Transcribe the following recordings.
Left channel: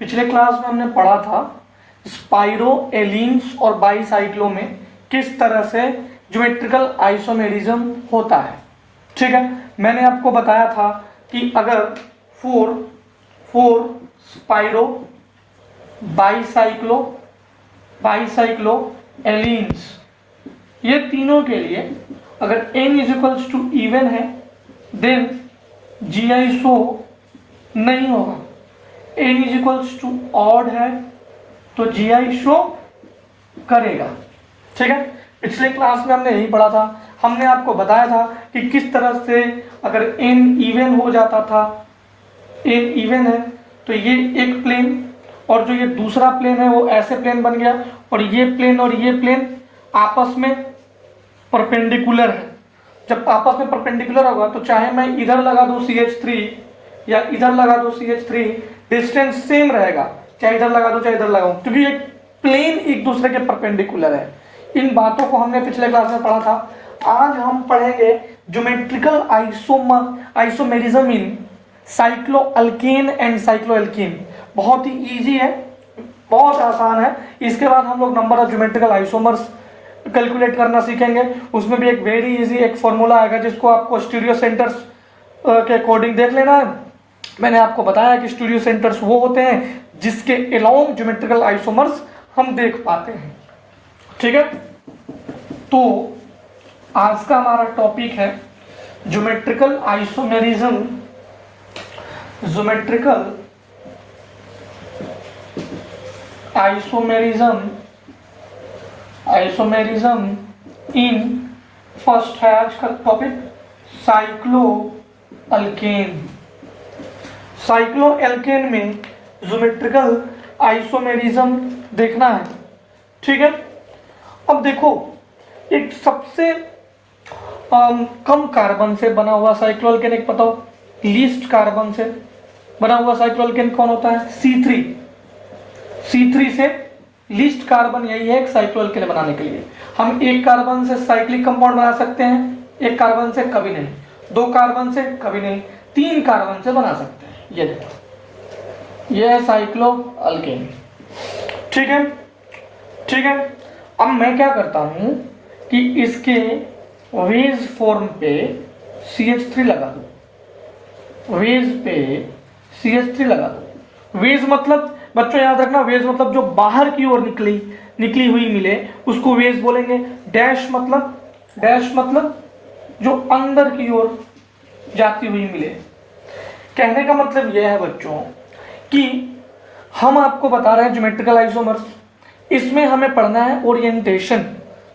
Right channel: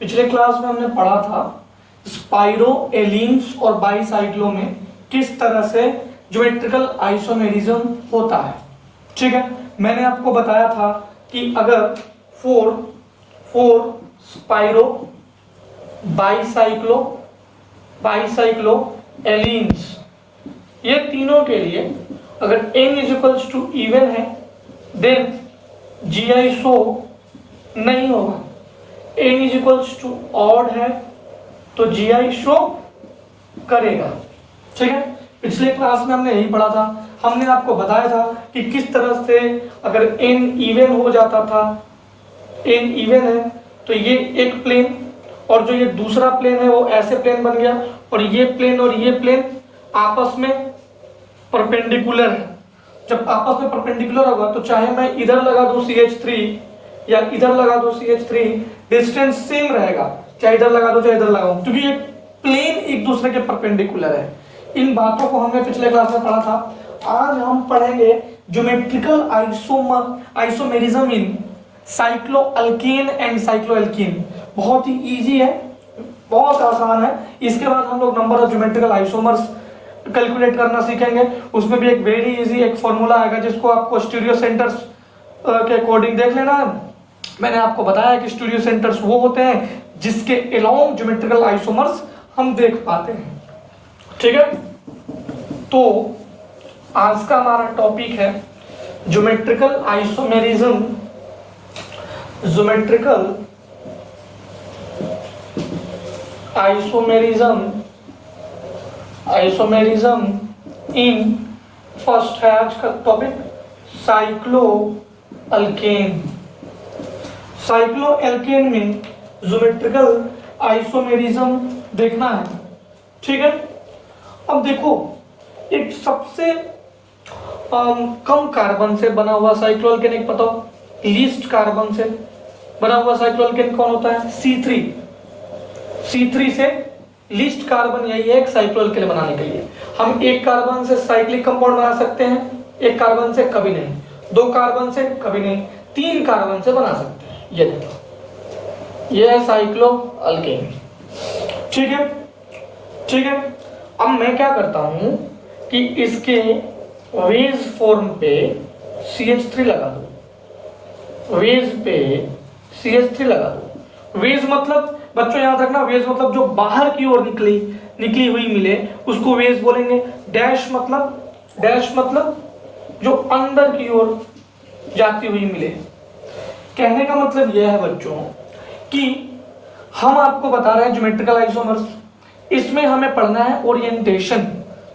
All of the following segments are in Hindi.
पिछले क्लास में हमने पढ़ा था स्पाइरोएलिन्स और बाईसाइक्लो में किस तरह से ज्योमेट्रिकल आइसोमेरिज्म होता है। ठीक है, मैंने आपको बताया था कि अगर फोर स्पाइरो बाईसाइक्लो एलिन्स ये तीनों के लिए अगर n इज टू इवन है देन GI शो नहीं होगा। n इज टू ऑड है तो GI शो करेगा। ठीक है, पिछले क्लास में हमने यही पढ़ा था। हमने आपको बताया था कि किस तरह से अगर n इवन हो जाता था, n इवन है तो ये एक प्लेन और जो ये दूसरा प्लेन है वो ऐसे प्लेन बन गया और ये प्लेन आपस में परपेंडिकुलर है। जब आपस में परपेंडिकुलर होगा तो चाहे मैं इधर लगा दूं CH3 या इधर लगा दूं CH3, डिस्टेंस सेम रहेगा, चाहे इधर लगा दूं चाहे इधर लगाऊं, क्योंकि ये प्लेन एक दूसरे के परपेंडिकुलर है। इन बातों को हमने पिछले क्लास में पढ़ा था। आज हम पढ़ेंगे geometrical isomerism in cycloalkane and cycloalkene. बहुत ही इजी है, बहुत आसान है। इसके बाद हम लोग number of geometrical isomers calculate करना सीखेंगे। उसमें भी एक वेरी इजी एक फॉर्मूला आएगा जिसको आपको स्टीरियो सेंटर्स के अकॉर्डिंग देख लेना है। मैंने आपको बताया कि स्टीरियो सेंटर्स वो होते हैं जिसके अलोंग ज्योमेट्रिकल आइसोमर्स हम देख पाते हैं। ठीक है, तो आज का हमारा टॉपिक है ज्योमेट्रिकल आइसोमेरिज्म इन फर्स्ट है आज का टॉपिक साइक्लोएल्केन में ज्योमेट्रिकल आइसोमेरिज्म देखना है। ठीक है, अब देखो एक सबसे कम कार्बन से बना हुआ साइक्लोएल्केन एक बताओ, लीस्ट कार्बन से बना हुआ साइक्लोएल्केन कौन होता है? C3 से लीस्ट कार्बन यही है एक साइक्लोएल्केन बनाने के लिए। हम एक कार्बन से साइक्लिक कंपाउंड बना सकते हैं, एक कार्बन से कभी नहीं, दो कार्बन से कभी नहीं, तीन कार्बन से बना सकते हैं। ये देखो, ये है साइक्लोएल्केन। ठीक है, अब मैं क्या करता हूं कि इसके वेज फॉर्म पे CH3 लगा दो। वेज मतलब बच्चों याद रखना, वेज मतलब जो बाहर की ओर निकली हुई मिले उसको वेज बोलेंगे। डैश मतलब जो अंदर की ओर जाती हुई मिले। कहने का मतलब यह है बच्चों कि हम आपको बता रहे हैं ज्योमेट्रिकल आइसोमर्स, इसमें हमें पढ़ना है ओरिएंटेशन।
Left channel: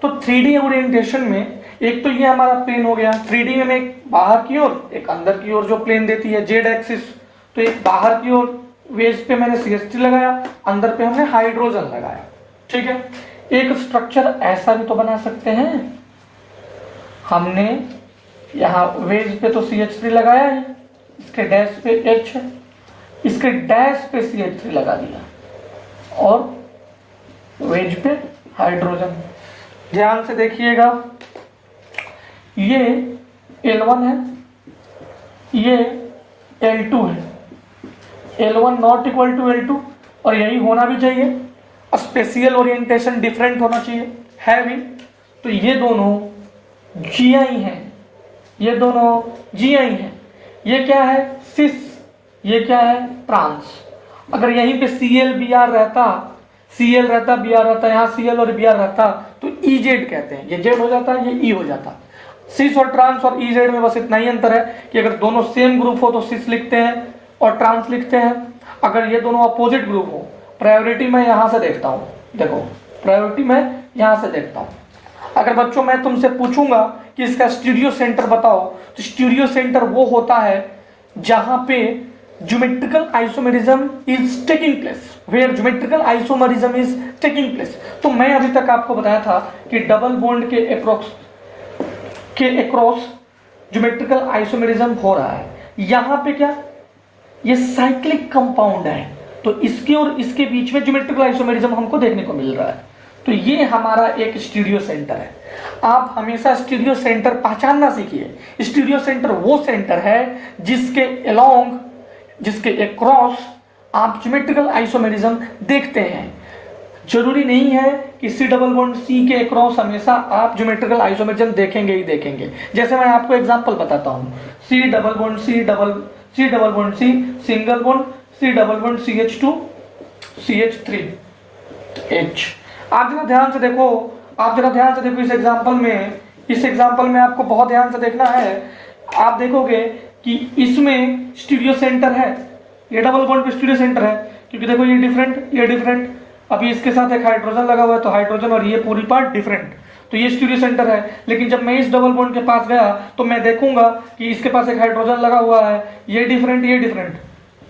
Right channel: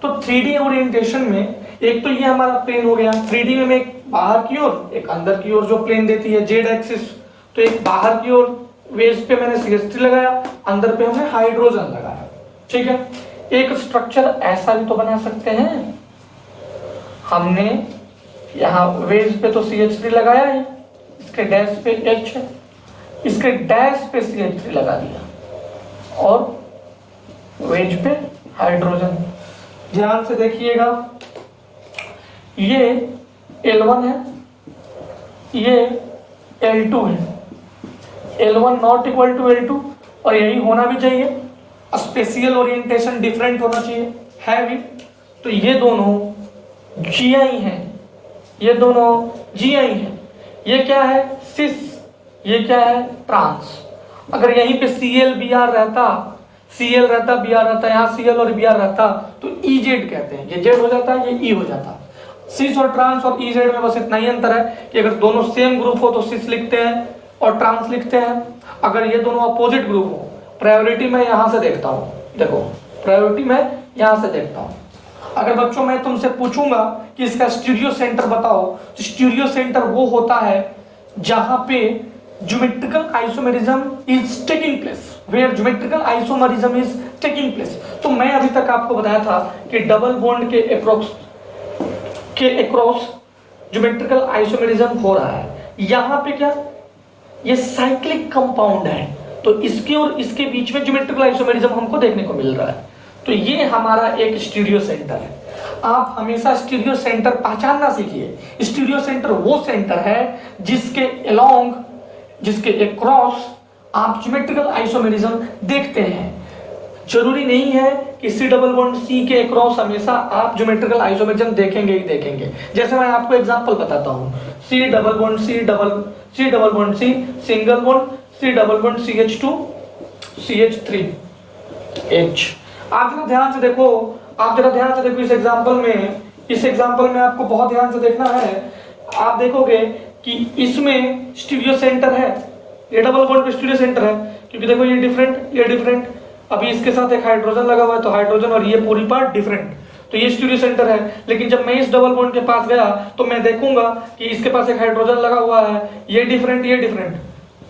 तो 3D ओरिएंटेशन में एक तो ये हमारा प्लेन हो गया, 3D में एक बाहर की ओर एक अंदर की ओर जो प्लेन देती है Z एक्सिस। तो एक बाहर की ओर वेज पे मैंने CH3 लगाया, अंदर पे हमने हाइड्रोजन लगाया। ठीक है, एक स्ट्रक्चर ऐसा भी तो बना सकते हैं। हमने यहाँ वेज पे तो CH3 लगाया है, इसके डैश पे H है, इसके डैश पे CH3 लगा दिया और वेज पे हाइड्रोजन। ध्यान से देखिएगा, ये L1 है, ये L2 है। L1 not equal to L2 और यही होना भी चाहिए। स्पेशियल ओरिएंटेशन डिफरेंट होना चाहिए, है भी। तो ये दोनों GI हैं, ये क्या है? सिस, ये क्या है? ट्रांस। अगर यहीं पे CL Br रहता, Br रहता, यहाँ CL और Br रहता तो EZ कहते हैं। ये Z हो जाता, ये E हो जाता। सिस और ट्रांस और EZ में बस इतना ही अंतर है कि अगर दोनों सेम ग्रुप हो तो सिस लिखते हैं और ट्रांस लिखते हैं। अगर ये दोनों अपोजिट ग्रुप हो, प्रायोरिटी मैं यहां से देखता हूं, देखो प्रायोरिटी मैं यहां से देखता हूं। अगर बच्चों मैं तुमसे पूछूंगा कि इसका स्टीरियो सेंटर बताओ, तो स्टीरियो सेंटर वो होता है जहां पे geometrical isomerism is taking place. तो मैं अभी तक आपको बताया था कि डबल बॉन्ड के अक्रॉस ज्योमेट्रिकल आइसोमेरिज्म हो रहा है। यहां पे क्या, ये साइक्लिक कंपाउंड है, तो इसके और इसके बीच में ज्योमेट्रिकल आइसोमेरिज्म हमको देखने को मिल रहा है। तो ये हमारा एक स्टीरियो सेंटर है। आप हमेशा स्टीरियो सेंटर पहचानना सीखिए। स्टीरियो सेंटर वो सेंटर है जिसके अक्रॉस आप ज्योमेट्रिकल आइसोमेरिज्म देखते हैं। जरूरी नहीं है कि सी डबल बॉन्ड सी के अक्रॉस हमेशा आप ज्योमेट्रिकल आइसोमेरिज्म देखेंगे ही देखेंगे। जैसे मैं आपको एग्जांपल बताता हूं, C double bond C bond C single bond C double bond CH2 CH3H। आप जरा ध्यान से देखो, इस एग्जांपल में आपको बहुत ध्यान से देखना है। आप देखोगे कि इसमें स्टीरियो सेंटर है, ये डबल बॉन्ड पे स्टीरियो सेंटर है, क्योंकि देखो ये डिफरेंट। अभी इसके साथ एक हाइड्रोजन लगा हुआ है, तो हाइड्रोजन और ये पूरी पार्ट डिफरेंट, तो ये स्टीरियो सेंटर है। लेकिन जब मैं इस डबल बॉन्ड के पास गया तो मैं देखूंगा कि इसके पास एक हाइड्रोजन लगा हुआ है, ये डिफरेंट,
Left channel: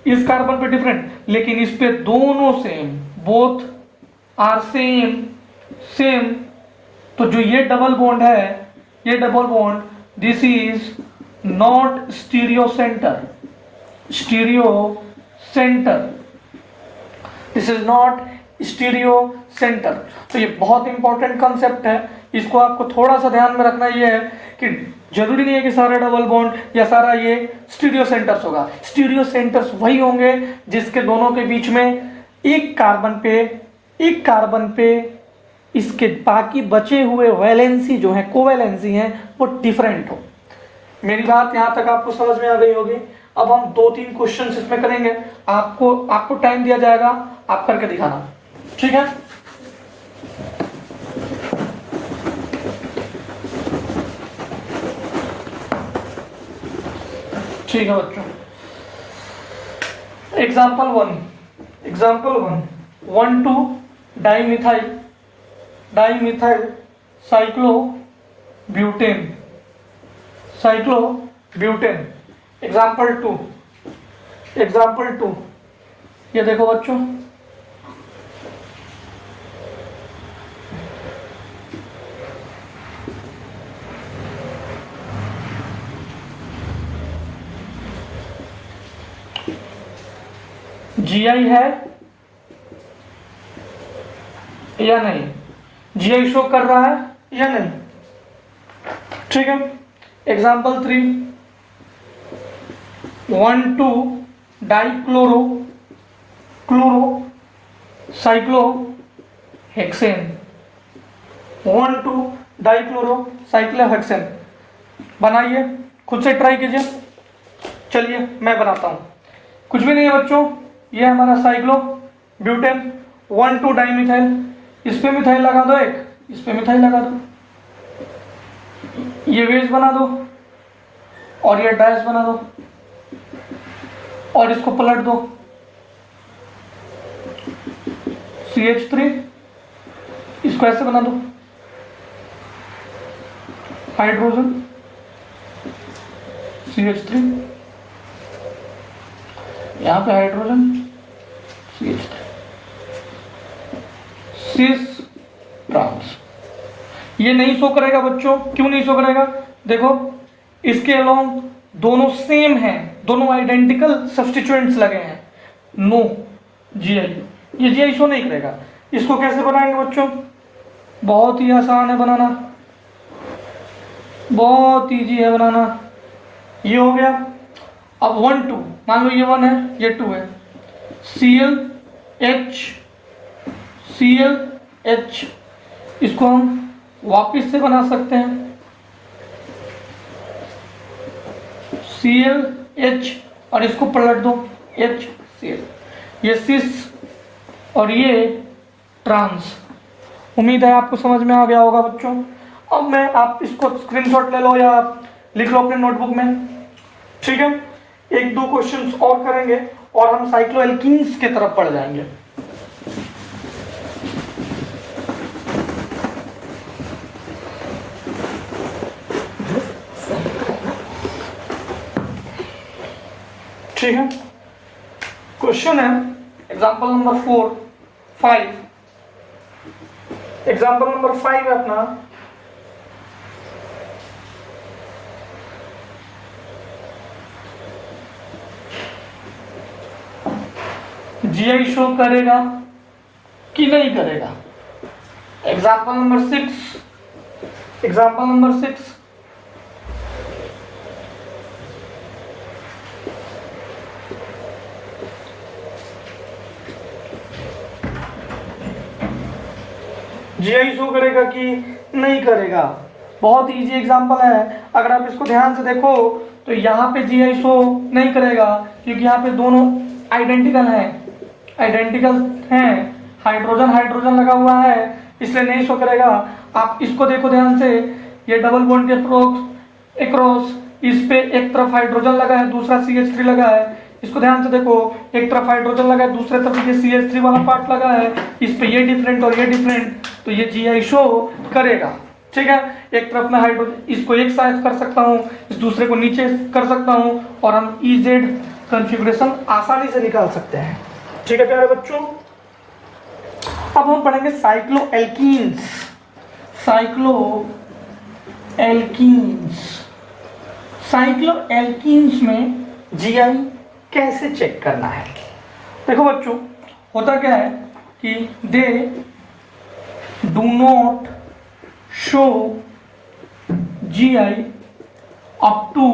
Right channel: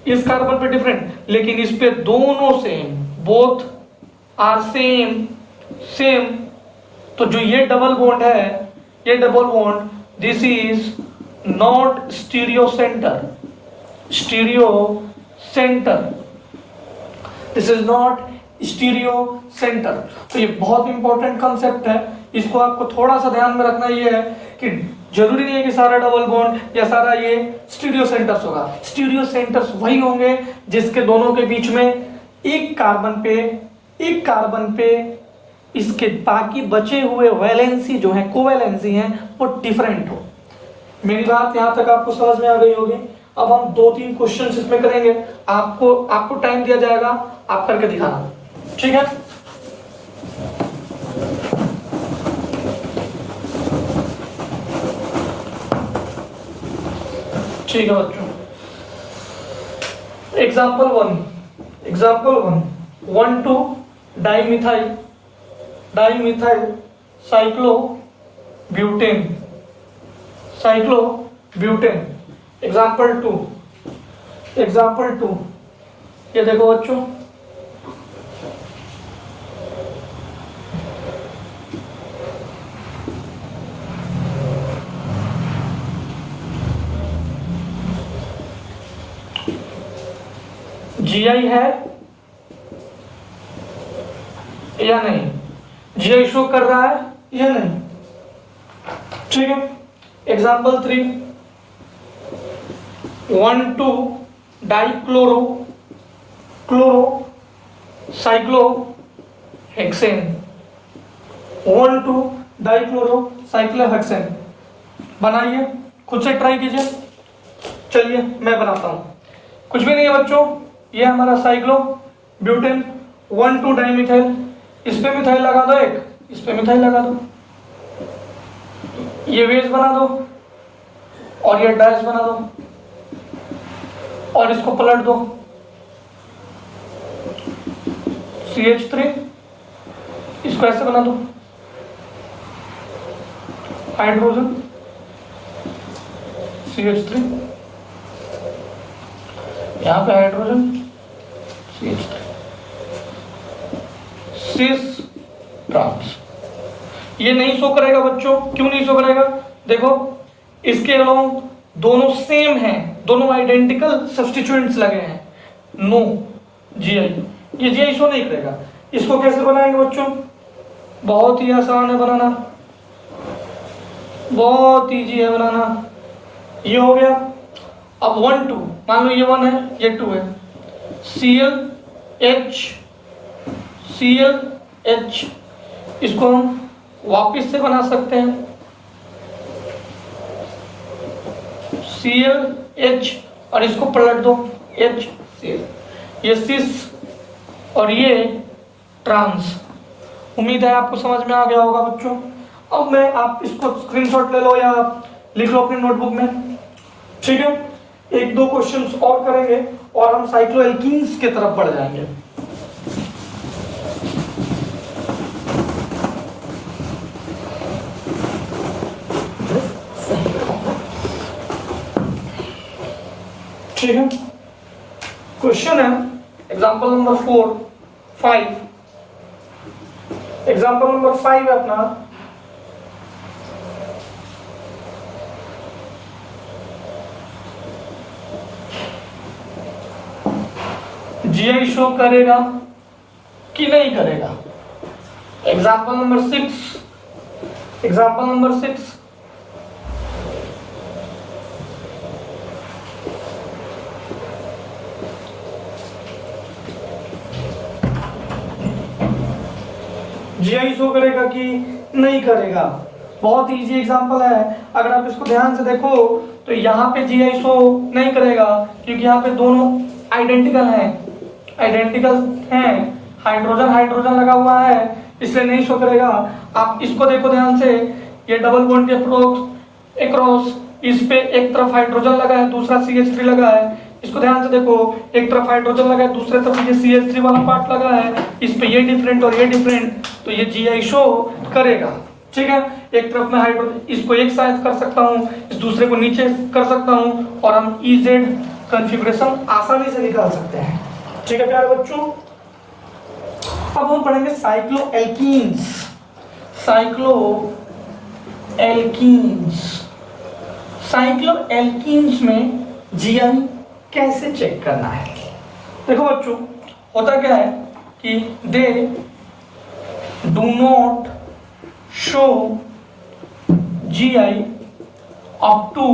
इस कार्बन पे डिफरेंट, लेकिन इस पे दोनों सेम, बोथ आर सेम। तो जो ये डबल बॉन्ड है, ये double bond, this is not stereo centre, this is not stereo centre. तो ये बहुत इंपॉर्टेंट कंसेप्ट है, इसको आपको थोड़ा सा ध्यान में रखना। ये है कि जरूरी नहीं है कि सारा डबल बॉन्ड या सारा ये स्टीरियो सेंटर्स होगा। स्टीरियो सेंटर्स वही होंगे जिसके दोनों के बीच में एक कार्बन पे इसके बाकी बचे हुए वैलेंसी जो है, कोवैलेंसी है, वो डिफरेंट हो। मेरी बात यहां तक आपको समझ में आ गई होगी। अब हम 2-3 क्वेश्चन इसमें करेंगे, आपको टाइम दिया जाएगा, आप करके दिखाना, ठीक है। ठीक है बच्चों, example one 1,2 dimethyl cyclobutane. Example two, ये देखो बच्चों, GI है या नहीं, GI शो कर रहा है या नहीं, ठीक है। Example 3, 1,2 dichloro cyclohexane. 1,2 dichloro cyclohexane बनाइए, खुद से ट्राई कीजिए। चलिए मैं बनाता हूं, कुछ भी नहीं है बच्चों, ये हमारा साइक्लोब्यूटेन 1,2 डाइमिथाइल, इस पे मिथाइल लगा दो, एक इस पे मिथाइल लगा दो, ये वेज बना दो और ये डैश बना दो और इसको पलट दो, CH3, इसको ऐसे बना दो, हाइड्रोजन CH3, यहां पे हाइड्रोजन CH3, सिस ट्रांस। ये नहीं शो करेगा बच्चों, क्यों नहीं शो करेगा? देखो इसके अलावा दोनों सेम हैं, दोनों आइडेंटिकल सब्स्टिट्यूएंट्स लगे हैं, नो GI, ये GI शो नहीं करेगा। इसको कैसे बनाएंगे बच्चों? बहुत ही आसान है बनाना, बहुत ईजी है बनाना। ये हो गया। अब 1,2 मान लो, ये 1 है, ये 2 है, ClH, इसको हम वापिस से बना सकते हैं, ClH और इसको पलट दो, HCl, ये सिस और ये ट्रांस। उम्मीद है आपको समझ में आ गया होगा बच्चों। अब मैं, आप इसको स्क्रीनशॉट ले लो या लिख लो अपने नोटबुक में, ठीक है। 1-2 क्वेश्चंस और करेंगे और हम साइक्लोएल्कीन्स की तरफ बढ़ जाएंगे। ठीक है, क्वेश्चन है एग्जाम्पल नंबर 5। एग्जाम्पल नंबर 5 है अपना, GI शो करेगा कि नहीं करेगा। एग्जाम्पल नंबर 6, GI शो करेगा कि नहीं करेगा? बहुत इजी एग्जांपल है, अगर आप इसको ध्यान से देखो तो यहाँ पे GI शो नहीं करेगा क्योंकि यहाँ पे दोनों आइडेंटिकल हैं, हाइड्रोजन हाइड्रोजन लगा हुआ है इसलिए नहीं शो करेगा। आप इसको देखो ध्यान से, ये डबल बॉन्ड के एक्रॉस इस पे एक तरफ हाइड्रोजन लगा है, दूसरा CH3 लगा है। इसको ध्यान से देखो, एक तरफ हाइड्रोजन लगा है, दूसरे तरफ ये CH3 वाला पार्ट लगा है, इस पे ये डिफरेंट और ये डिफरेंट, तो ये GI शो करेगा। ठीक है, एक तरफ में हाइड्रोजन, इसको एक साइड कर सकता हूँ, इस दूसरे को नीचे कर सकता हूँ और हम EZ कॉन्फ़िगरेशन आसानी से निकाल सकते हैं। ठीक है प्यारे बच्चों, अब हम पढ़ेंगे साइक्लोएल्कीन्स। साइक्लोएल्कीन्स में GI कैसे चेक करना है? देखो बच्चों, होता क्या है कि they do not show GI up to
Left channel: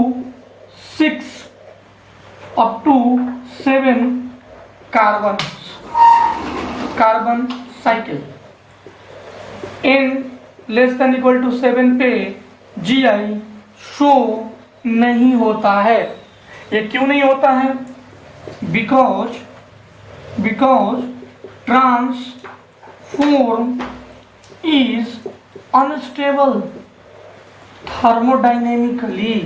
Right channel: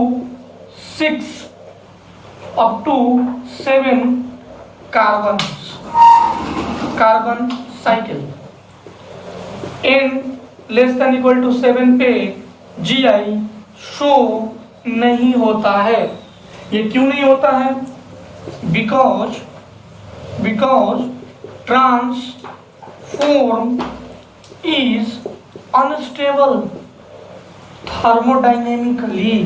7 carbon cycle. n less than equal to 7 पे GI शो नहीं होता है। ये क्यों नहीं होता है? Because transform is unstable thermodynamically.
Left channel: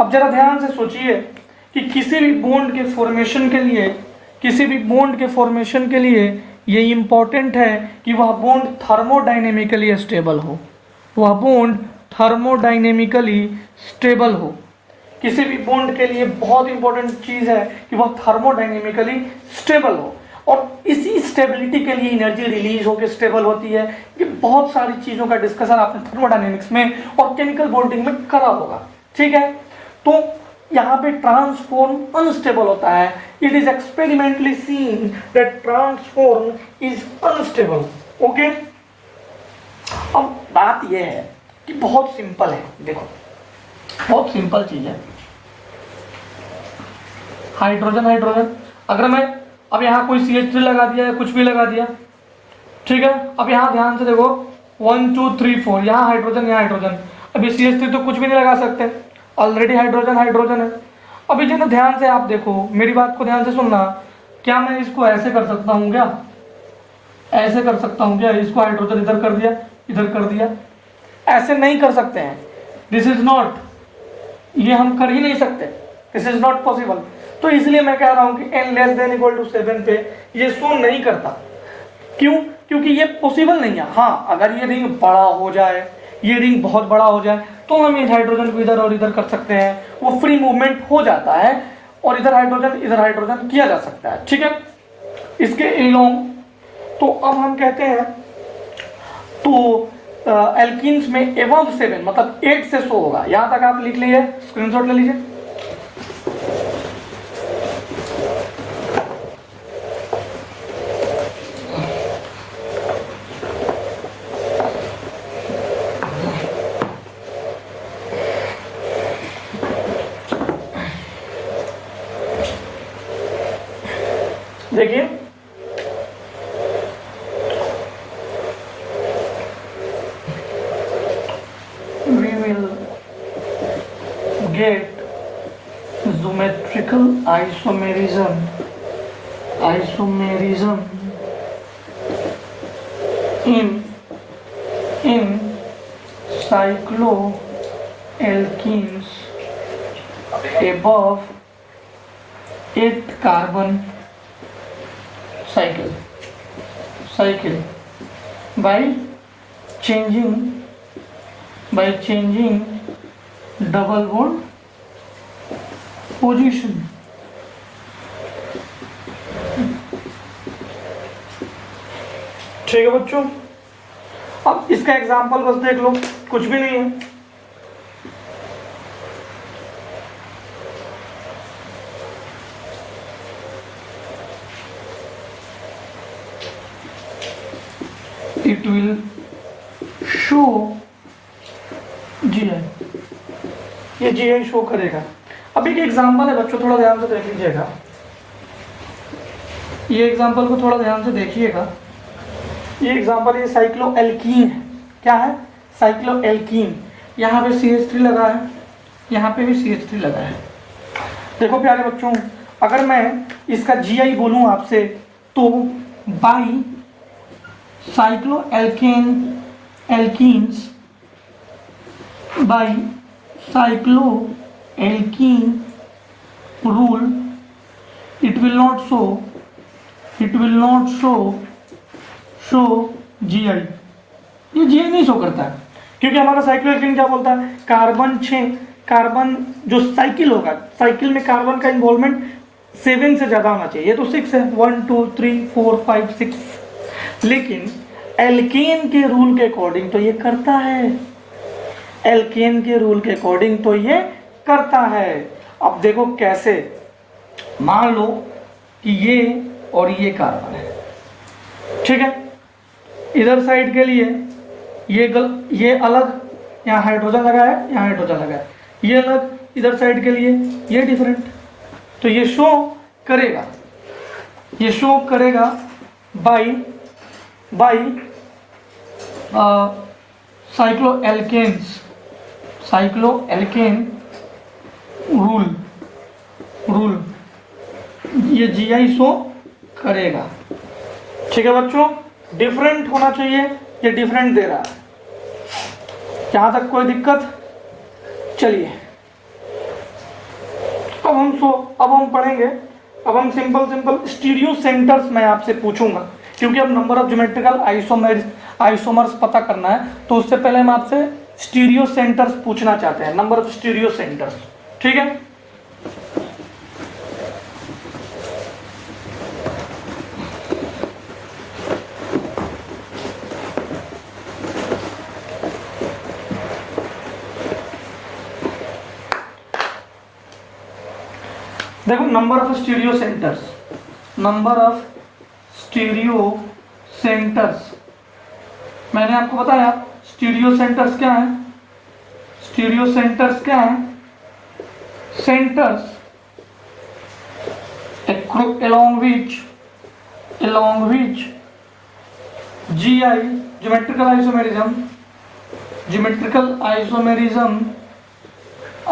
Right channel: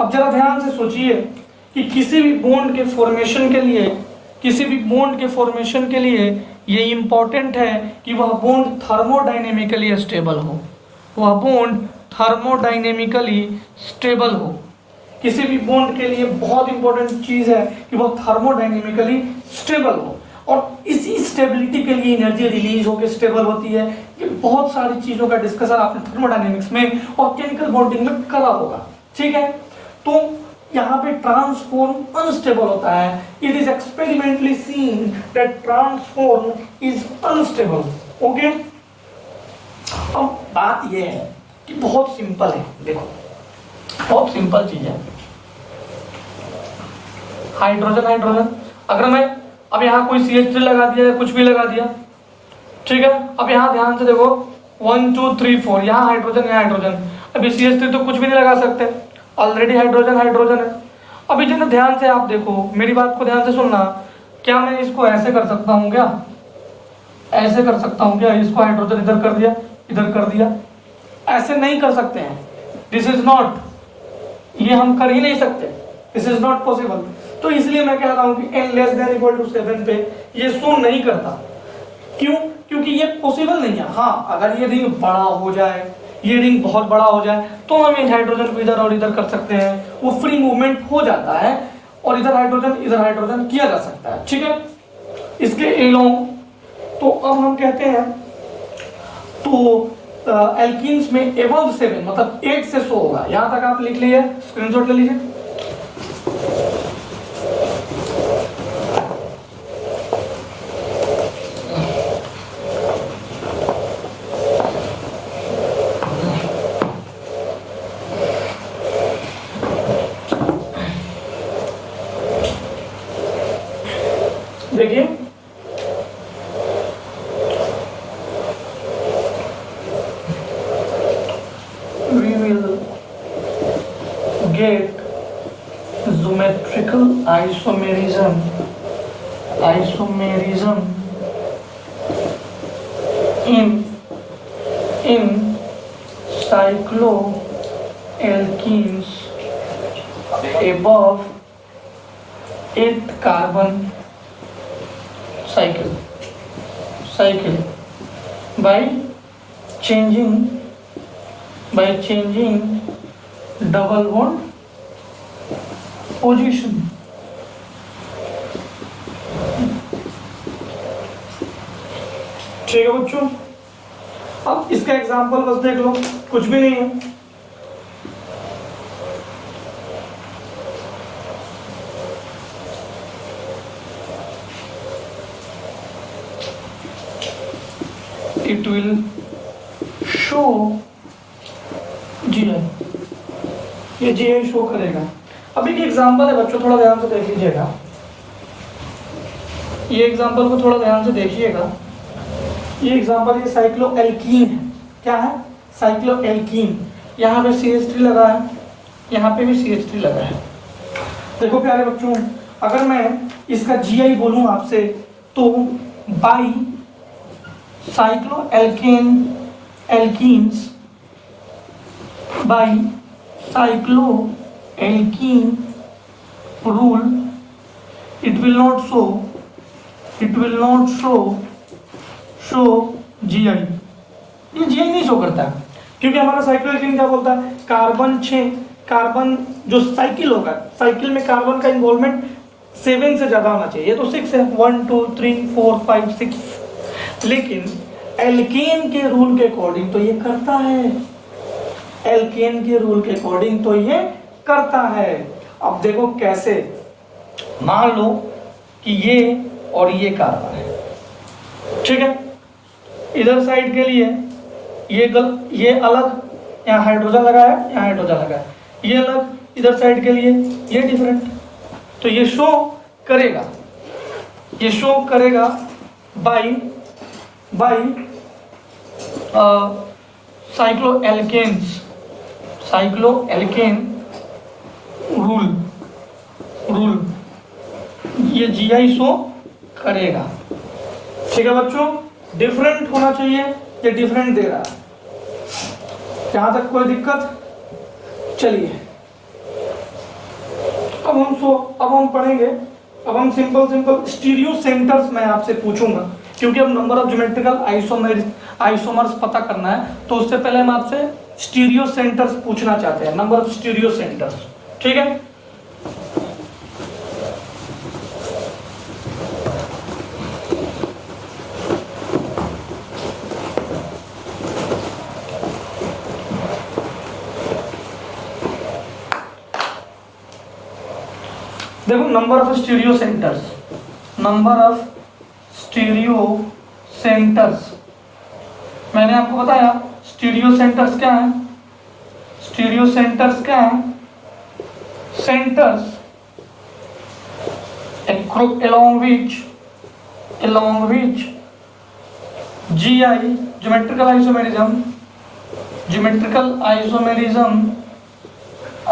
अब जरा ध्यान से सोचिए कि किसी भी बॉन्ड के फॉर्मेशन के लिए ये इंपॉर्टेंट है कि वह बॉन्ड थर्मोडाइनेमिकली स्टेबल हो। किसी भी बॉन्ड के लिए बहुत इंपॉर्टेंट चीज है कि वह थर्मोडाइनेमिकली स्टेबल हो, और इसी स्टेबिलिटी के लिए एनर्जी रिलीज होकर स्टेबल होती है। ये बहुत सारी चीजों का डिस्कशन आपने थर्मोडाइनेमिक्स में और केमिकल बॉन्डिंग में करा होगा। ठीक है, तो यहाँ पे ट्रांसफॉर्म अनस्टेबल होता है। It is experimentally seen that transform is unstable. Okay, अब बात यह है कि बहुत सिंपल है। देखो, बहुत सिंपल चीज है। हाइड्रोजन अगर मैं अब यहाँ कोई CH3 लगा दिया या कुछ भी लगा दिया, ठीक है, अब यहाँ ध्यान से देखो 1 2 3 4, यहाँ हाइड्रोजन। अभी CH3 तो कुछ भी नहीं लगा सकते, ऑलरेडी हाइड्रोजन है। अभी जो ध्यान से आप देखो, मेरी बात को ध्यान से सुनना, क्या मैं इसको ऐसे कर सकता हूँ क्या? इसको हाइड्रोजन इधर कर दिया, ऐसे नहीं कर सकते हैं। दिस इज नॉट, ये हम कर ही नहीं सकते, दिस इज नॉट पॉसिबल। तो इसलिए मैं कह रहा हूं कि n less than equal to 7 पे ये शो नहीं करता। क्यों? क्योंकि ये पॉसिबल नहीं है। हाँ, अगर ये रिंग बड़ा हो जाए, ये रिंग बहुत बड़ा हो जाए, तो हम इस हाइड्रोजन को इधर और इधर कर सकते हैं, वो फ्री मूवमेंट हो जाता है और इधर हाइड्रोजन किया जा सकता है। ठीक है, इसके एलोंग। तो अब हम कहते हैं, तो एल्कीन्स में एबव 7 मतलब 8 से शो होगा। यहां तक आप लिख लीजिए, स्क्रीनशॉट ले लीजिए। देखिए, we will get geometrical isomerism in cycloalkenes above 8 carbon cycle by changing double bond position। ठीक है बच्चों, अब इसका एग्जांपल बस देख लो, कुछ भी नहीं है। It will show GI, ये GI शो करेगा। अभी की एग्जांपल है बच्चों, थोड़ा ध्यान से देख लीजिएगा, ये एग्जांपल को थोड़ा ध्यान से देखिएगा। ये एग्जांपल ये साइक्लोएल्कीन है। क्या है? साइक्लोएल्कीन। यहाँ पे CH3 लगा है, यहाँ पे भी CH3 लगा है। देखो प्यारे बच्चों, अगर मैं इसका GI बोलूँ आपसे तो by cycloalkane alkenes by cycloalkene rule it will not show GI। ये GI नहीं शो करता है क्योंकि हमारा साइक्लोएल्कीन क्या बोलता है, कार्बन 6, कार्बन जो साइकिल होगा, साइकिल में कार्बन का इन्वॉल्वमेंट 7 से ज्यादा होना चाहिए, ये तो 6 है, 1 2 3 4 5 6, लेकिन एल्केन के रूल के अकॉर्डिंग तो ये करता है, एल्केन के रूल के अकॉर्डिंग तो ये करता है। अब देखो कैसे, मान लो कि ये और ये कार्बन है, ठीक है, इधर साइड के लिए ये अलग, यहाँ हाइड्रोजन लगा है, यहाँ हाइड्रोजन लगा है, ये अलग, इधर साइड के लिए ये डिफरेंट, तो ये शो करेगा, ये शो करेगा बाई साइक्लोएल्केन रूल ये GI शो करेगा। ठीक है बच्चों, डिफरेंट होना चाहिए, ये डिफरेंट दे रहा है, यहाँ तक कोई दिक्कत? चलिए अब हम पढ़ेंगे, अब हम सिंपल स्टीरियो सेंटर्स मैं आपसे पूछूंगा, क्योंकि अब नंबर ऑफ ज्योमेट्रिकल आइसोमर्स पता करना है, तो उससे पहले हम आपसे स्टीरियो सेंटर्स पूछना चाहते हैं, नंबर ऑफ स्टीरियो सेंटर्स। ठीक है, देखो नंबर ऑफ स्टीरियो सेंटर्स मैंने आपको बताया, स्टीरियो सेंटर्स क्या है, centres along which GI geometrical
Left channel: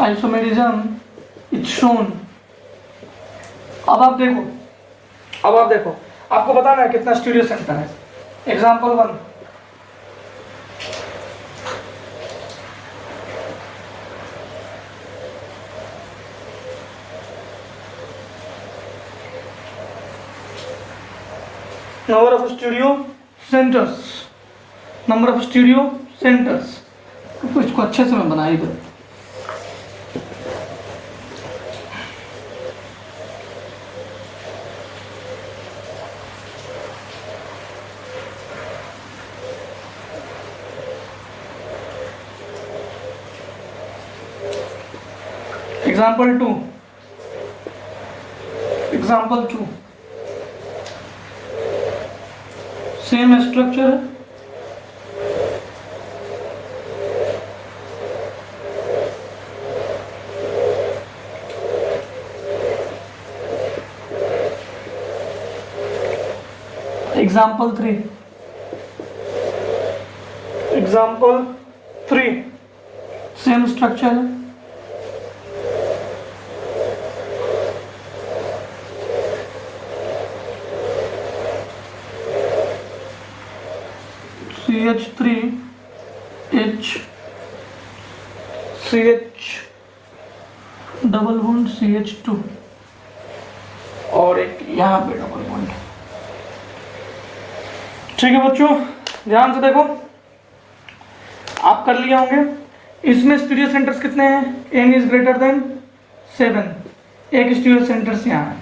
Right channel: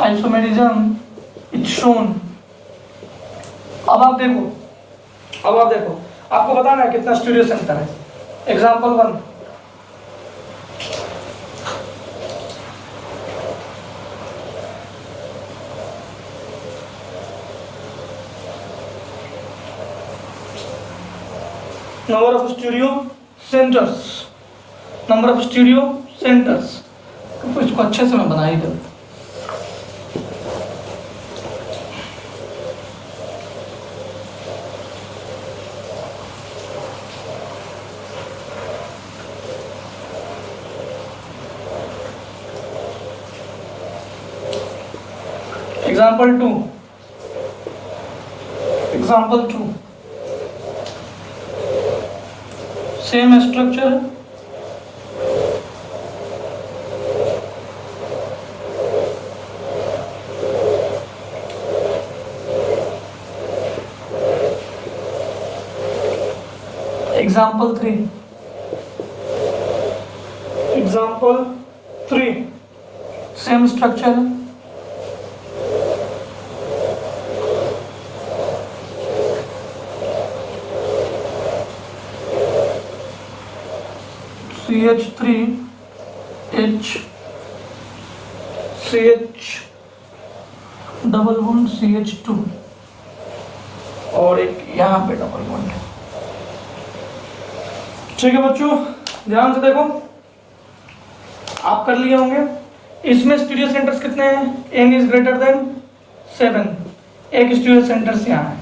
isomerism is shown। अब आप देखो आपको बताना है कितना स्टीरियो सेंटर है। Example 1, number of stereo centres, तो इसको अच्छे से मैं बनाई दो। Example 2, same structure, example 3, same structure, CH2 और एक यहाँ पे डबल बॉन्ड। ठीक है बच्चों, ध्यान से देखो, आप कर लिए होंगे। इसमें स्टीरियो सेंटर्स कितने हैं? n इज ग्रेटर देन 7, एक स्टीरियो सेंटर्स यहाँ है,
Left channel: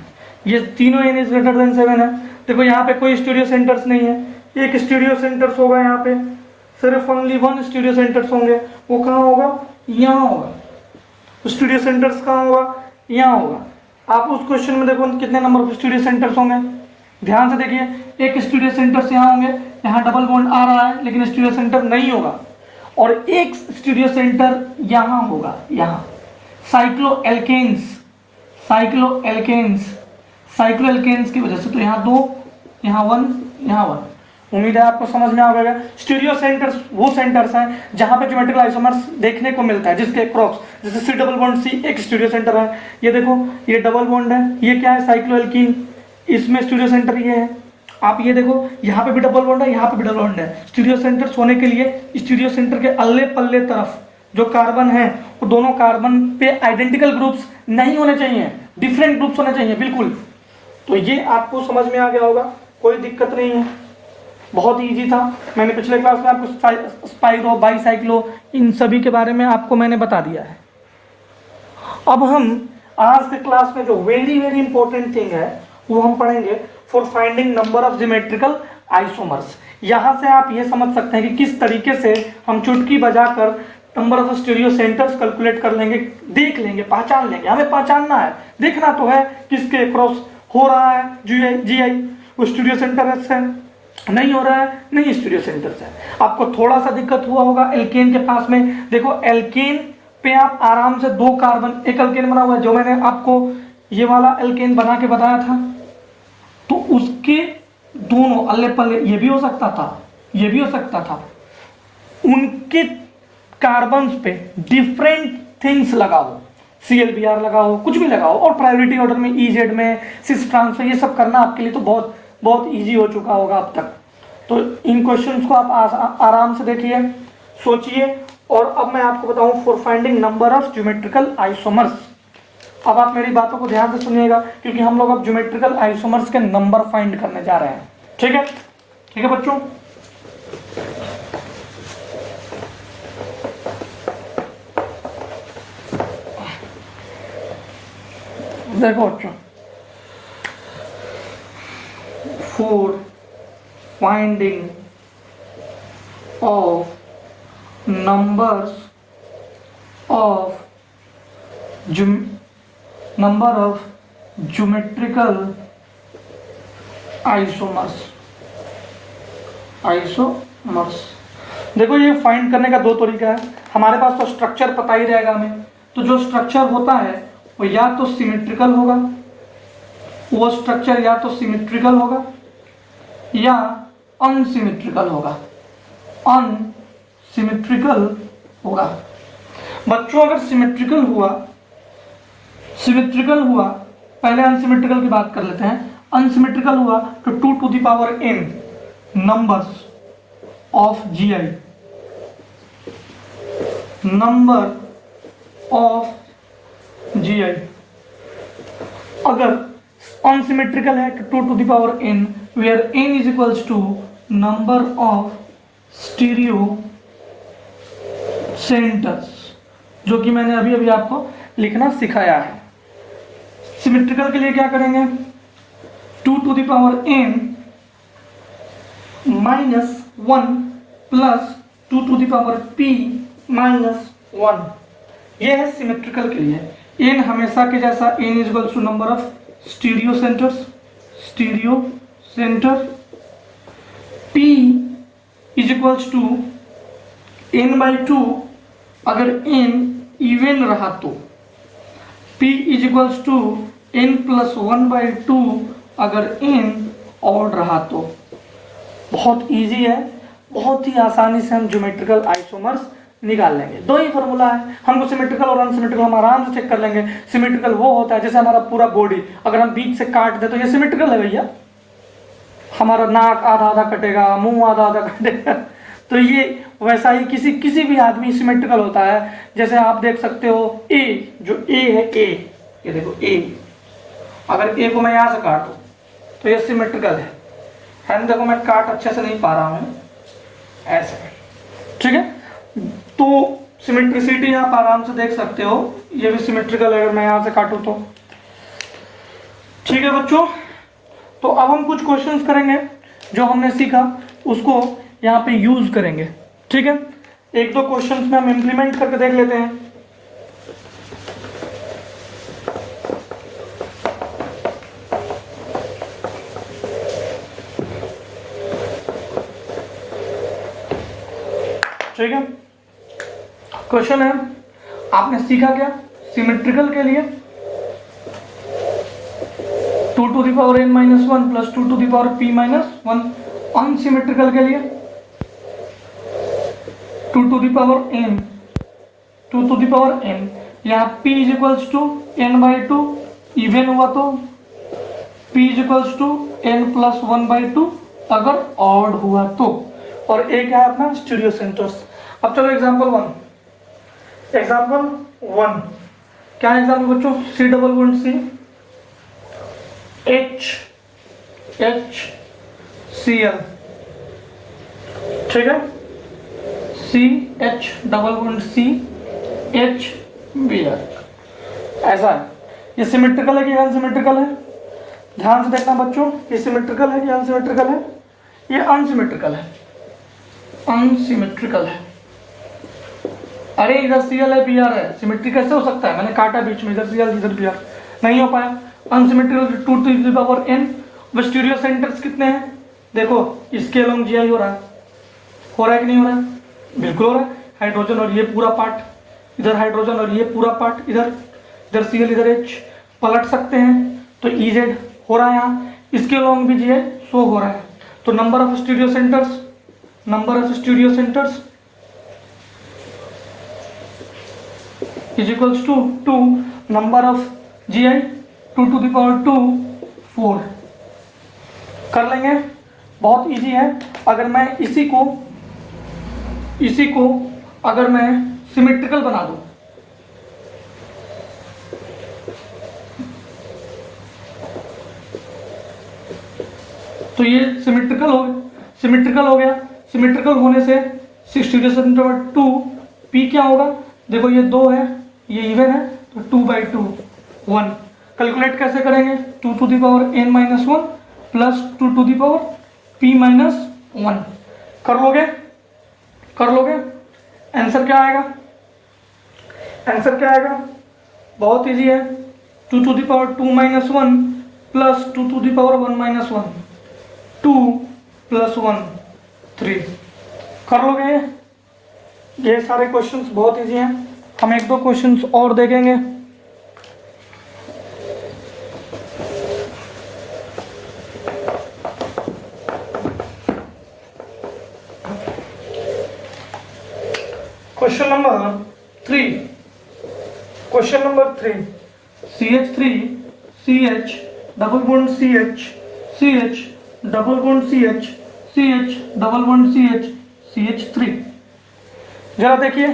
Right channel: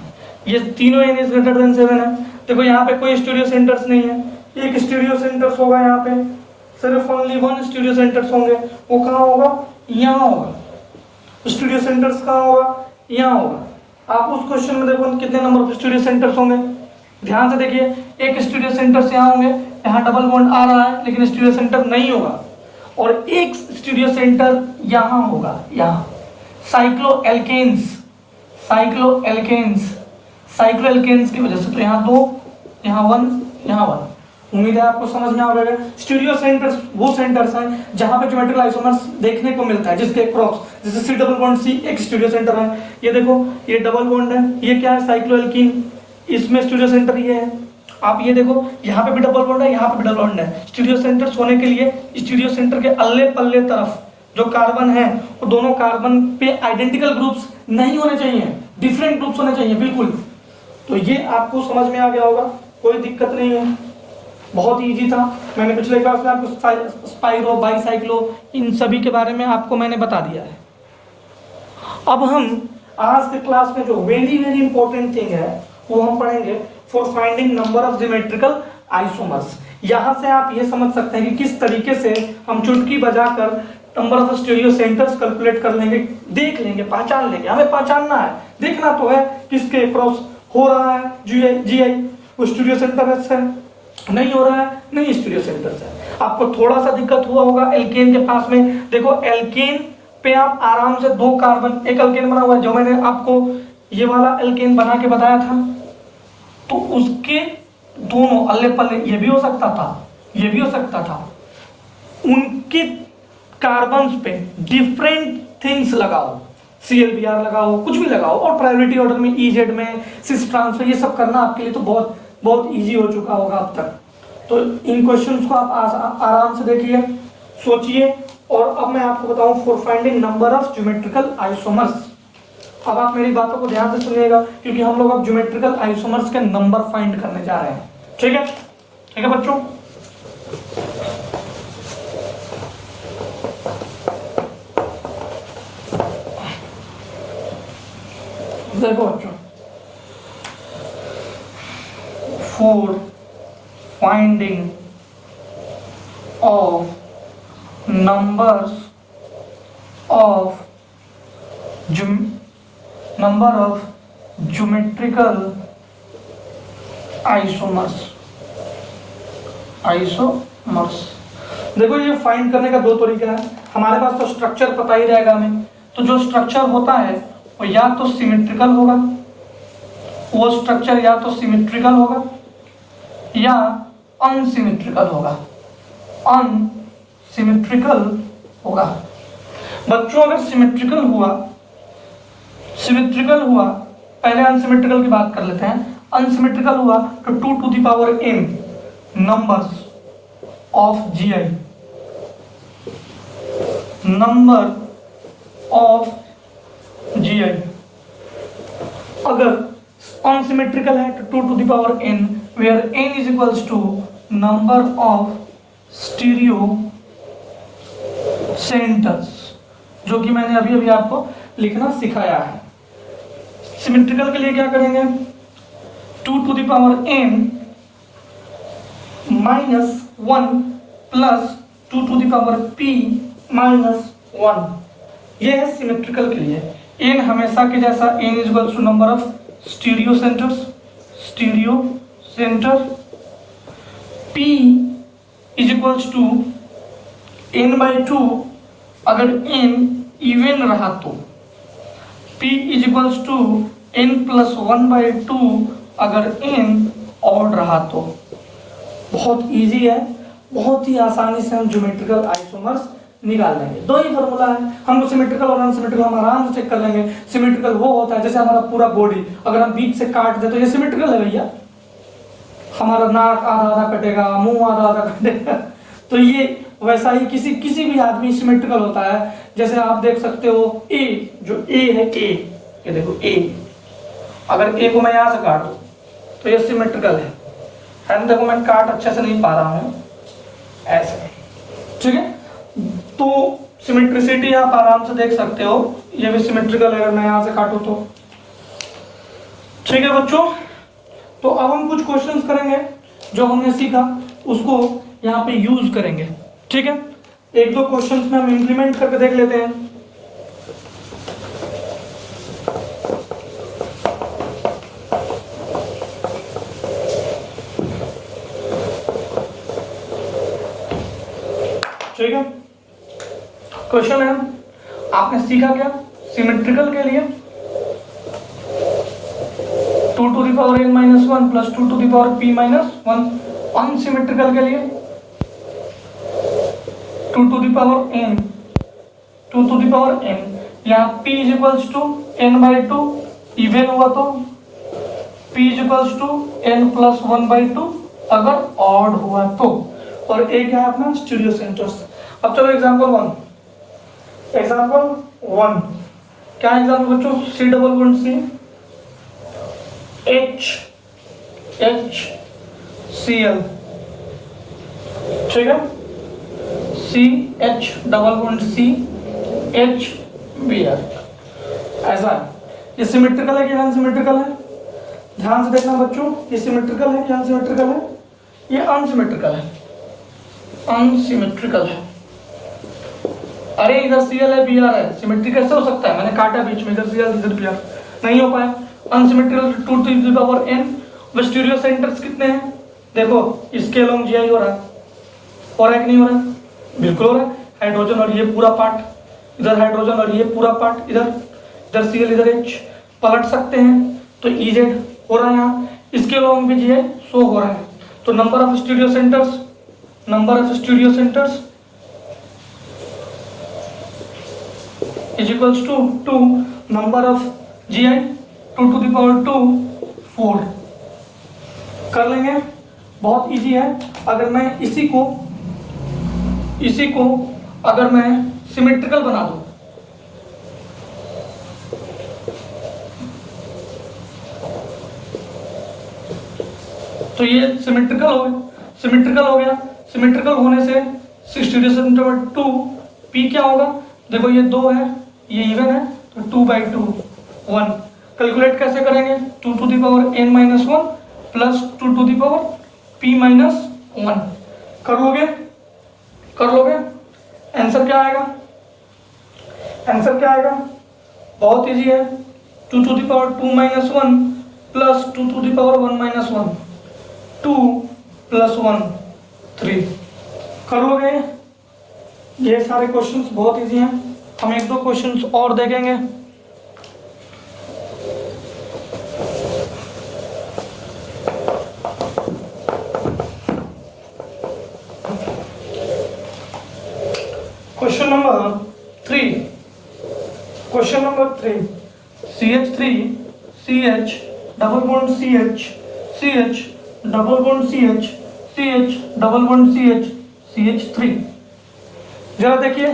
ये तीनों n इज ग्रेटर देन 7 है। देखो यहाँ पे कोई स्टीरियो सेंटर्स नहीं है, एक स्टीरियो सेंटर्स होगा यहाँ पे, सिर्फ ओनली 1 स्टीरियो सेंटर्स होंगे, वो कहाँ होगा? यहाँ होगा। स्टीरियो सेंटर्स कहाँ होगा? यहाँ होगा। आप उस क्वेश्चन में देखो कितने नंबर ऑफ स्टीरियो सेंटर्स होंगे, ध्यान से देखिए, एक स्टीरियो सेंटर्स यहाँ होंगे, यहाँ डबल बॉन्ड आ रहा है लेकिन स्टीरियो सेंटर नहीं होगा, और एक स्टीरियो सेंटर यहाँ होगा, यहाँ साइक्लोएल्केन्स साइक्लो एल्केन्स की वजह से। तो यहाँ 2, यहाँ 1, यहाँ 1। उम्मीद है आपको समझ में आ गया। स्टीरियो सेंटर्स वो सेंटर्स हैं जहां पे ज्योमेट्रिकल आइसोमर्स देखने को मिलता है, जिसके क्रॉस, जैसे C डबल बॉन्ड C एक स्टीरियो सेंटर है। ये देखो ये डबल बॉन्ड है, ये क्या है साइक्लोएल्कीन, इसमें स्टीरियो सेंटर ये है। आप ये देखो यहाँ पे भी डबल बॉन्ड है, यहाँ पे भी डबल बॉन्ड है। स्टीरियो सेंटर्स होने के लिए स्टीरियो सेंटर के अल्ले पल्ले तरफ जो कार्बन है वो दोनों कार्बन पे आइडेंटिकल ग्रुप्स नहीं होने चाहिए, डिफरेंट ग्रुप्स होने चाहिए बिल्कुल। तो ये आपको समझ में आ गया होगा, कोई दिक्कत नहीं है, बहुत इजी था। मैंने पिछले क्लास में आपको स्पाइरो, बाईसाइक्लो इन सभी के बारे में आपको मैंने बता दिया है। अब हम आज के क्लास में जो वेरी वेरी इंपॉर्टेंट थिंग है वो हम पढ़ेंगे for finding number of geometrical isomers. यहां से आप ये समझ सकते हैं कि किस तरीके से हम चुटकी बजाकर number of stereo centres calculate कर लेंगे, देख लेंगे, पहचान लेंगे। हमें पहचानना है, देखना तो है किसके क्रॉस हो रहा है जीआई, वो स्टीरियो सेंटर है, नहीं हो रहा है, नहीं स्टीरियो सेंटर से। आपको थोड़ा सा दिक्कत हुआ होगा एल्केन के पास में। देखो एल्केन पे आप आराम से 2 कार्बन, एक एल्केन बना हुआ है जो मैंने आपको ये वाला एल्केन बना के बताया था, तो उसके दोनों अल्ले पल्ले, ये भी हो सकता था, ये भी हो सकता था, उनके कार्बन्स पे डिफरेंट थिंग्स लगाओ, CLBR लगाओ, कुछ भी लगाओ, और प्रायोरिटी ऑर्डर में EZ में सिस ट्रांसफर, ये सब करना आपके लिए तो बहुत बहुत इजी हो चुका होगा अब तक। तो इन क्वेश्चंस को आप आराम से देखिए, सोचिए। और अब मैं आपको बताऊं for finding number of geometrical isomers. अब आप मेरी बातों को ध्यान से सुनिएगा, क्योंकि हम लोग अब ज्योमेट्रिकल आइसोमर्स के नंबर फाइंड करने जा रहे हैं। ठीक है, ठीक है बच्चों। देखो बच्चों, for finding of numbers of geometrical isomers। देखो ये फाइंड करने का 2 तरीका है। हमारे पास तो स्ट्रक्चर पता ही रहेगा हमें, तो जो स्ट्रक्चर होता है वो या तो सिमेट्रिकल होगा, वो स्ट्रक्चर या तो सिमेट्रिकल होगा या अनसिमेट्रिकल होगा, अनसिमेट्रिकल होगा। बच्चों अगर सिमेट्रिकल हुआ, पहले अनसिमेट्रिकल की बात कर लेते हैं। अनसिमेट्रिकल हुआ तो 2 to the power n numbers of GI, number of GI। अगर अनसिमेट्रिकल है तो 2 to the power n, where n is equals to number of stereo centers, जो कि मैंने अभी अभी आपको लिखना सिखाया है। सिमेट्रिकल के लिए क्या करेंगे, 2 to the power n minus 1 plus 2 to the power p minus 1, ये है सिमेट्रिकल के लिए। n हमेशा के जैसा n is equals to number of stereo centers, p is equals to n by 2, अगर n इवन रहा तो p is equals to n plus 1 by 2, अगर n ऑड रहा तो। बहुत इजी है, बहुत ही आसानी से हम ज्योमेट्रिकल आइसोमर्स निकाल लेंगे। 2 ही फॉर्मूला है, हमको सिमेट्रिकल और अनसिमेट्रिकल हम आराम से चेक कर लेंगे। सिमेट्रिकल वो होता है जैसे हमारा पूरा बॉडी अगर हम बीच से काट दे तो ये सिमेट्रिकल है भैया, हमारा नाक आधा आधा कटेगा, मुंह आधा आधा कटेगा, तो ये वैसा ही किसी भी आदमी सिमेट्रिकल होता है। जैसे आप देख सकते हो ए, जो ए है, ए ये देखो ए, अगर ए को मैं यहाँ से काटूं तो ये सिमेट्रिकल है ना। देखो मैं काट अच्छे से नहीं पा रहा हूँ ऐसे, ठीक है। तो सिमेट्रिसिटी आप आराम से देख सकते हो, ये भी सिमेट्रिकल है अगर मैं यहाँ से काटूं तो। ठीक है बच्चों, तो अब हम कुछ क्वेश्चंस करेंगे जो हमने सीखा उसको यहाँ पे यूज करेंगे। ठीक है, 1-2 क्वेश्चंस में हम इंप्लीमेंट करके देख लेते हैं। ठीक है, क्वेश्चन है, आपने सीखा क्या सिमेट्रिकल के लिए 2 to the power n minus 1 plus 2 to the power p minus 1 unsymmetrical के लिए 2 to the power n, 2 to the power n, यहाँ p is equals to n by 2, even हुआ तो p is equals to n plus 1 by 2 अगर ऑड हुआ तो, और एक है अपना स्टीरियो सेंटर्स। अब चलो एग्जाम्पल 1, एग्जाम्पल 1 क्या है एग्जाम्पल बच्चों, C double bond C H Cl, ठीक है, CH double bond C H Br, ऐसा है। ये सिमेट्रिकल है कि अनसिमेट्रिकल है, ध्यान से देखना बच्चों, ये सिमेट्रिकल है कि अनसिमेट्रिकल है, ये अनसिमेट्रिकल है, अनसिमेट्रिकल है। अरे इधर Cl है Br है, सिमेट्री कैसे हो सकता है, मैंने काटा बीच में, इधर Cl इधर Br, नहीं हो पाया। Unsymmetrical 2 to the power n, stereo centres कितने हैं, देखो इसके अलोंग GI हो रहा है कि नहीं हो रहा है, बिल्कुल हो रहा है। हाइड्रोजन और ये पूरा पार्ट, इधर हाइड्रोजन और ये पूरा पार्ट, इधर Cl इधर H, पलट सकते हैं तो Ez हो रहा है यहाँ, इसके अलोंग भी GI शो हो रहा है। तो number of stereo centres, number of stereo centres is equals to 2, number of GI 2 to the power 2 4, कर लेंगे, बहुत इजी है। अगर मैं इसी को अगर मैं सिमेट्रिकल बना दूं, तो ये सिमेट्रिकल हो गया, सिमेट्रिकल होने से स्टीरियो सेंटर 2 p क्या होगा, देखो ये 2 है, ये इवन है, तो 2/2 1। कैलकुलेट कैसे करेंगे, 2 to the power n minus 1 plus 2 to the power p minus 1, कर लोगे, आंसर क्या आएगा, बहुत इजी है, 2 to the power 2 minus 1 plus 2 to the power 1 minus 1, 2 plus 1 3, कर लोगे। ये सारे क्वेश्चंस बहुत इजी हैं, हम 1-2 क्वेश्चंस और देखेंगे। Question number 3, CH3 CH double bond CH double bond CH double bond CH3। जरा देखिए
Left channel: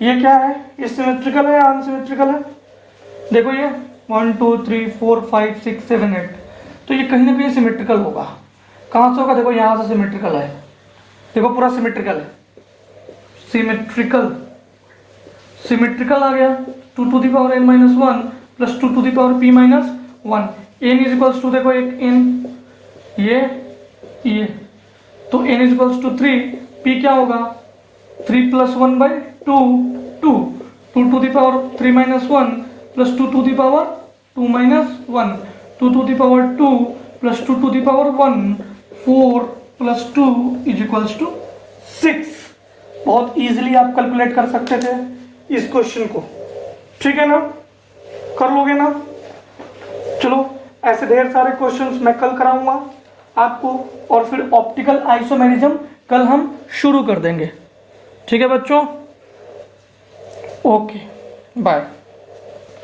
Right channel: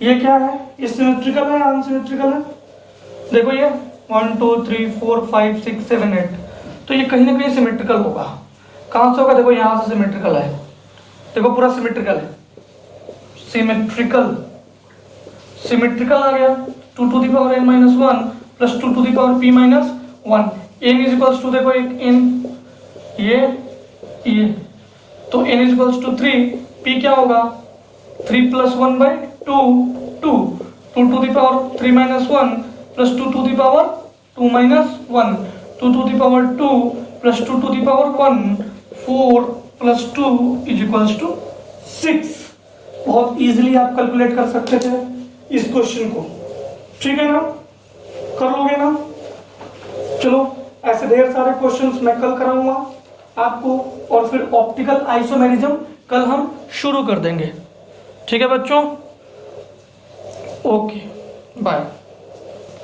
ये क्या है, ये सिमेट्रिकल है अनसिमेट्रिकल है, देखो ये 1 2 3 4 5 6 7 8, तो ये कहीं ना कहीं सिमेट्रिकल होगा। कहाँ से होगा, देखो यहाँ से सिमेट्रिकल है, देखो पूरा सिमेट्रिकल है, सिमेट्रिकल आ गया। 2 to the power n minus 1 plus 2 to the power p minus 1, n is equals to, देखो एक n, ये तो n is equals to 3, p क्या होगा 3 plus 1/2 2 to the power 3 minus 1 plus 2 to the power 2 minus 1, 2 to the power 2 plus 2 to the power 1, 4 plus 2 is equals to 6। बहुत इजीली आप कैलकुलेट कर सकते थे इस क्वेश्चन को, ठीक है ना, कर लोगे ना। चलो ऐसे ढेर सारे क्वेश्चंस मैं कल कराऊंगा आपको, और फिर ऑप्टिकल आइसोमेरिज्म कल हम शुरू कर देंगे, ठीक है बच्चों, ओके बाय।